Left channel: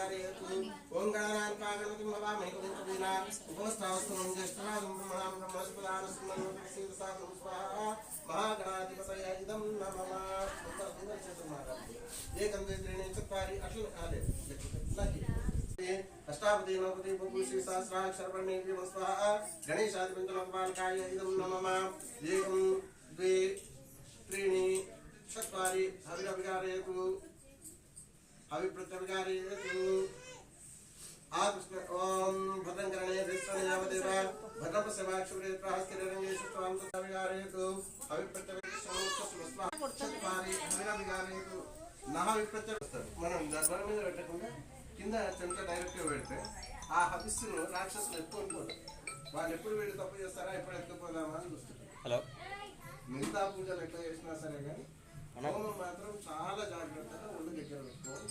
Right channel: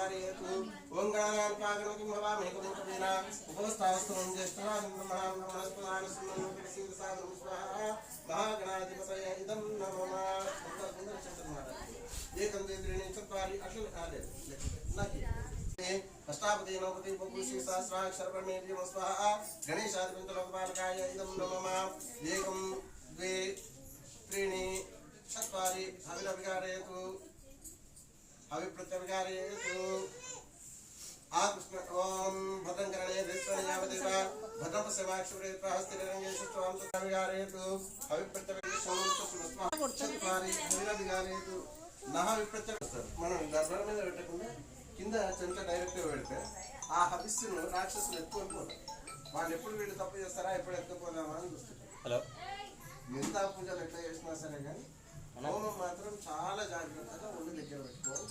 विकारयतु ओम गणानां कागणपतिं हवामहे कुरुंसुदीना उपस्थावस्तु मंगेष्टवादं महामनस्पदान सुमनोतिसिंहसागरं स्वाहा महागणाधिपतये इदं नमः सुंदर चतुर्माता एकं द्वे चत्वारि अश्विनाले नहीं अष्टावती नवती पुरुषी सहस्राक्षर ब्रह्मेन्द्रिय स्वाहा गणेशादिपंचलोकपालकाय इदं नमः एकं द्वे त्रीणि चत्वारि हविरविकारयतु हविप्रत्यविकारयतु आकृष्ण ओम भद्रंकरणे दृष्टनियावदेव भद्रं पश्यमाक्षुरेत्वा हस्तिररङ्गेषु त्वां तविकारयतु हविप्रत्यविकारयतु चत्वारि हविरविकारयतु नः विप्रत्यविकारयतु మనం దర్బార్ మీద పెట్టకుండా కింద చెంట డైరెక్ట్గా పెడితే ఆ హవిస్సును రాక్షసులు ఎత్తుకుంటారు. వాళ్ళు ఎప్పుడు వీళ్ళు తప్పు చేస్తారా ఎప్పుడు ఎత్తుకోదామా అని చూస్తారు. హలో మిగతా పూజలు ఎట్లా చేసినా సరే కానీ హోమం మాత్రం చాలా జాగ్రత్తగా ఒళ్ళు దగ్గర పెట్టుకోవాలి.